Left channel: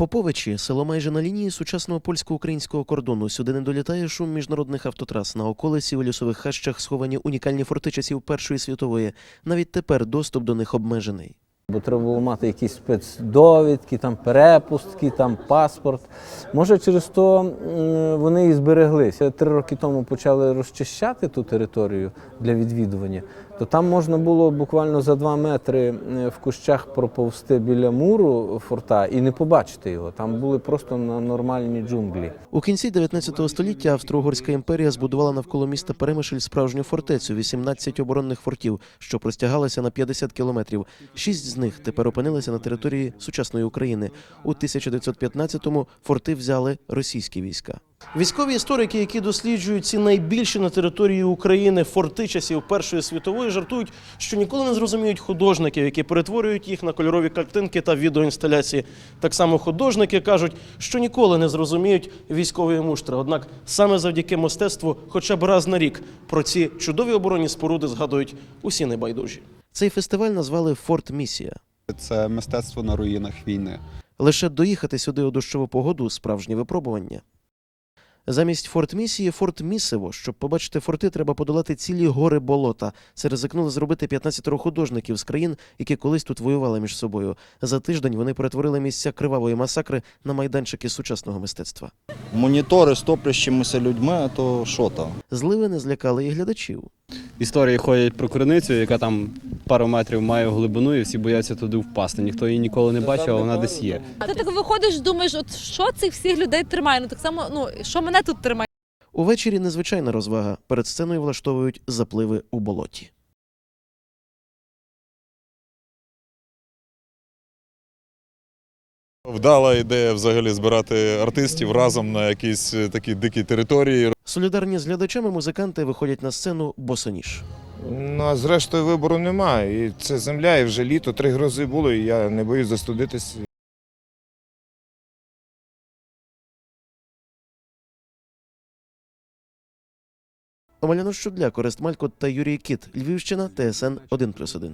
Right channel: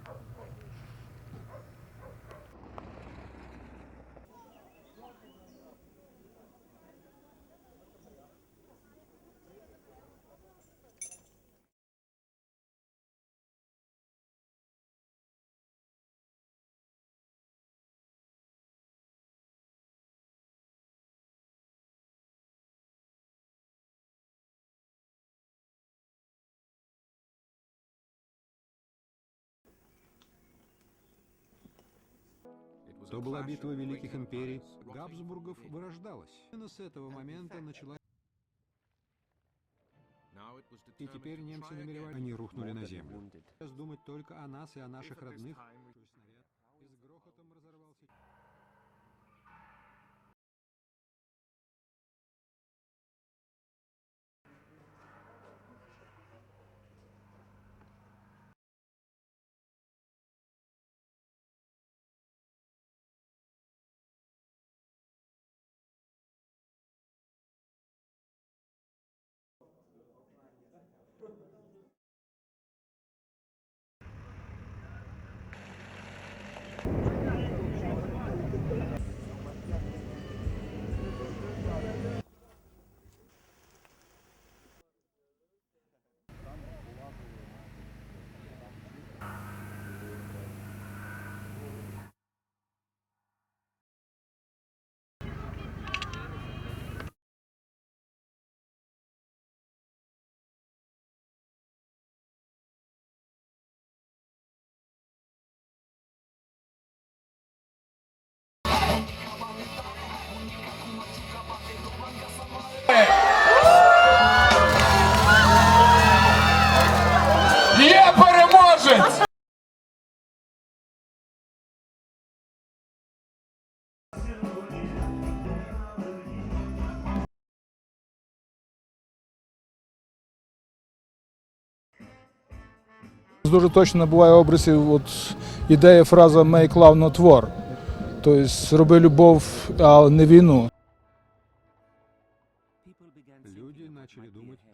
Поповичі село майже на лінії сучасного польсько-українського кордону. Сюди не долітає шум міжнародних автотрас. На околиці у лісових хащах сховані унікальні форти часів Першої світової. Навіть тепер доступ до них обмежений. Бо треба було мати якісь спецдовідки, там перепустки, там паспорт. Може, через то вони і збереглися. Три роки тому почали розчищати ту територію для відвідування, то там можна було буквально за два метри в кущах проповзти біля муру форта і не побачити його. Там були просто на нормальні джунглі. У кінці 19 століття Австро-Угорська імперія збудувала навколо міста Перемишль справжню фортецю 18 оборонних фортів, що простягалися на 50 кілометрів. Шість з них тепер опинилися на території сучасної України. У 1915-му форти взяли російські війська. Військові історики, які досліджують ці найбільші на території України форти часів Першої світової, жартують, що ніколи не зрозуміють художників, які перетворюють їх на кольорові картинки та відеоінсталяції. Так само художники кажуть, що ніколи не зрозуміють військової муштри. Однак саме завдяки мистецтву, хоча б раз на рік, про ці чудові оборонні споруди згадують усі небайдужі. Цей фестиваль назвали Форт Місія. Це мистецтво на руїнах війни. Лише доїхати сюди у дощову погоду справжнє випробування. Замість форт місії форт місиво. Щоб побачити форти, треба подолати цілі гори болота. Це ризикнули зробити 15 художників з країн, які колись тут воювали між собою. За тиждень вони перетворили місця кривавої масакри на майданчики сучасного мистецтва. Монітори з топлящимися людьми, а то що там? Зливи не злякали і глядачів. Історії ходять про криницю, яка там пару метрів має глибину, і всі бояться туди впасти. Ніхто її ніколи не бачив, а вона десь є. А Ти так виходиш, думаєш, от що цих всіх людей тримає? Ну так само, ну що мене тут тримає? Увечері незвичайна розвага. Перед сценою влаштовують запливи у болоті. Є переможець! Вдала ідея взагалі збирати артистів разом на якісь е, такі дикі території. Солідарні з глядачами музиканти виходять на сцену босоніж. Ну а зрештою вибору немає. І це земля, і вже літо, три грози було, і я не боюсь застудитись. Дуже точно буває образів от ідея фраза «make love, not war». Тобто роби любов, а не війну. Омеляно Щудля, Корист Малько та Юрій Кіт. Львівщина, ТСН 1+,1.